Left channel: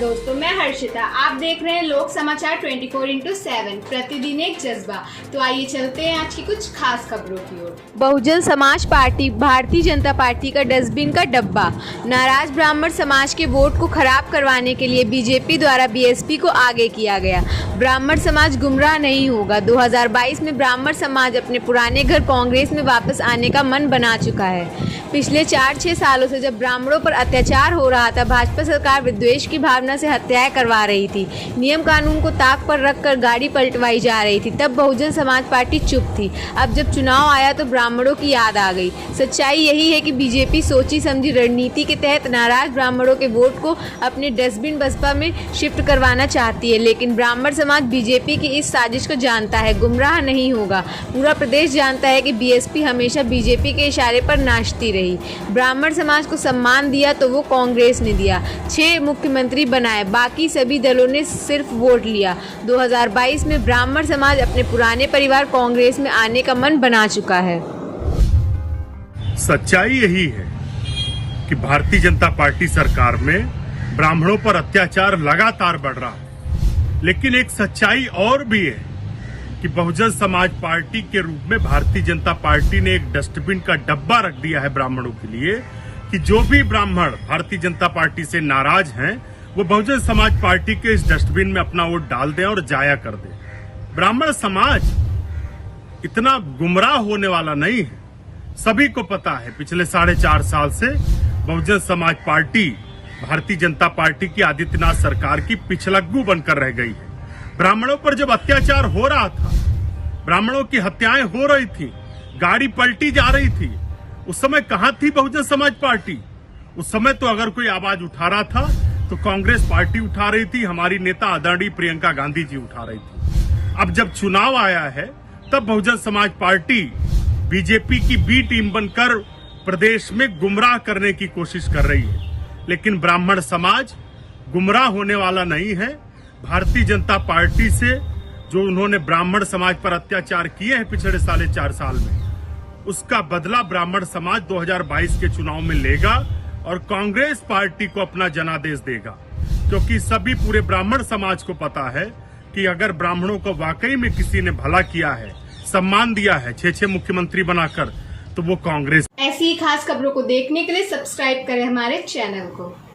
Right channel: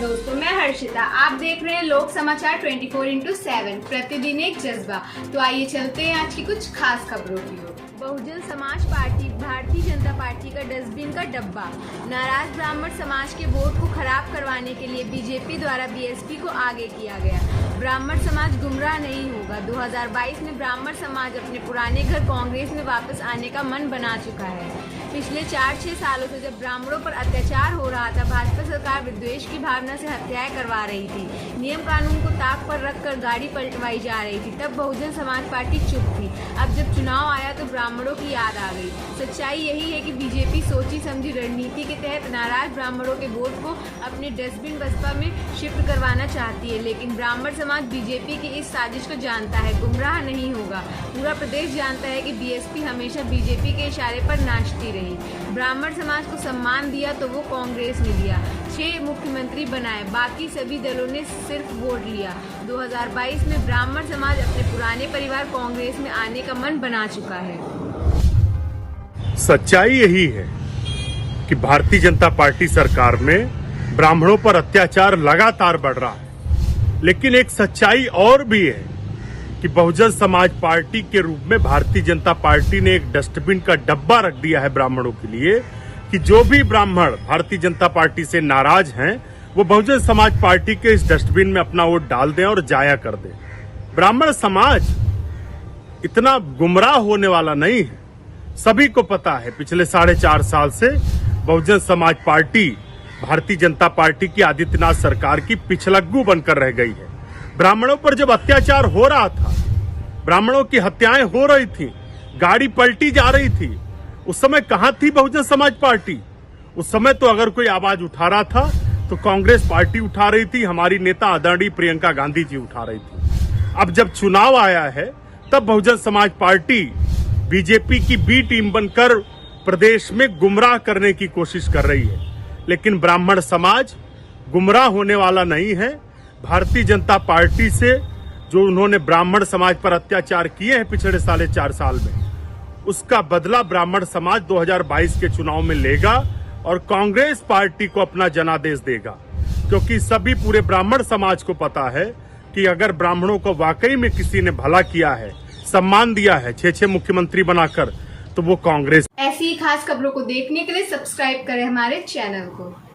दोस्तों, मैं हर्षिता। आप देख रहे हैं लोक समाचार 24/7 प्रतिदिन एक जज्बा। तो आइए चलते हैं आज की कुछ खास खबरों की ओर। बहुजन समाज पार्टी भारतीय जनता पार्टी का डस्टबिन का डब्बा। नाराज ब्राह्मण समाज के वोट को खराब करवाने के लिए बीजेपी द्वारा बीएसपी को आगे किया गया। ब्राह्मण समाज गुमराह नहीं होगा। 2022 में ब्राह्मण समाज अपने पुराने घर कांग्रेस में वापस आने का मन बना चुका है। पिछले 4-6 सालों से जब ब्राह्मणों पर अत्याचार हो रहा था, भाजपा सरकार विद्वेष की भावना से हत्याएं करवा रही थी, नियम कानून को ताक पर रखकर गाड़ी पलटवाई जा रही थी, तब बहुजन समाज पार्टी चुप थी। अब जब चुनाव आया तो ब्राह्मणों की याद आ गई। सच्चाई यही है कि बीजेपी सोची समझी रणनीति के तहत नाराज ब्राह्मणों के वोट को अपने डस्टबिन बसपा में शिफ्ट करवाना चाहती है, लेकिन ब्राह्मण समाज बीजेपी की इस साजिश को जानता है, गुमराह नहीं होगा। पूरा प्रदेश जानता है कि बीएसपी हमेशा बीजेपी के इशारे पर नाचती रही। ब्राह्मण समाज को सम्मान दिया तो वो कांग्रेस ने दिया। 6 मुख्यमंत्री बनाए, बाकी सभी दलों ने सिर्फ वोट लिया। 2022 में ब्राह्मण समाज अपने पुराने परिवार कांग्रेस में आने का मन बना चुका है। सच्चाई यही है कि भारतीय जनता पार्टी सरकार में ब्राह्मणों पर अत्याचार लगातार बढ़ रहा है, लेकिन एक सच्चाई और भी है कि बहुजन समाज पार्टी के रूप में भारतीय जनता पार्टी ने एक डस्टबिन का डब्बा रख दिया है ब्राह्मणों के लिए कि जो भी ब्राह्मण भारतीय जनता पार्टी से नाराज हैं, वो बहुजन समाज पार्टी के इस डस्टबिन में अपना वोट डाल दें और जाया कर दें। ब्राह्मण समाज इतना गुमराह होने वाला नहीं है। सभी को पता है पिछले 4.5 साल से बहुजन समाज पार्टी भारतीय जनता पार्टी की आदित्यनाथ सरकार की पिछलग्गू बनकर रह गई है। ब्राह्मणों पर जब अत्याचार हो रहा था, ब्राह्मणों की हत्याएं हो रही थी, गाड़ी पलटी जा रही थी, उस समय कहां थी बहुजन समाज पार्टी? उस समय तो अगर कोई आवाज उठा रहा था तो कांग्रेस पार्टी उठा रही थी, हमारी नेता आदरणीय प्रियंका गांधी जी उठा रही थी। अब जब चुनाव आया है तब बहुजन समाज पार्टी बीजेपी की बी टीम बनकर प्रदेश में गुमराह करने की कोशिश कर रही है, लेकिन ब्राह्मण समाज गुमराह होने वाला नहीं है। भारतीय जनता पार्टी से जो उन्होंने ब्राह्मण समाज पर अत्याचार किए हैं पिछले 4.5 साल में, उसका बदला ब्राह्मण समाज 2022 के चुनाव में लेगा और कांग्रेस पार्टी को अपना जनादेश देगा, क्योंकि सभी पूरे ब्राह्मण समाज को पता है कि अगर ब्राह्मणों को वाकई में किसी ने भला किया है, सम्मान दिया है 6 मुख्यमंत्री बनाकर, तो वो कांग्रेस। ऐसी ही खास खबरों को देखने के लिए सब्सक्राइब करें हमारे चैनल को।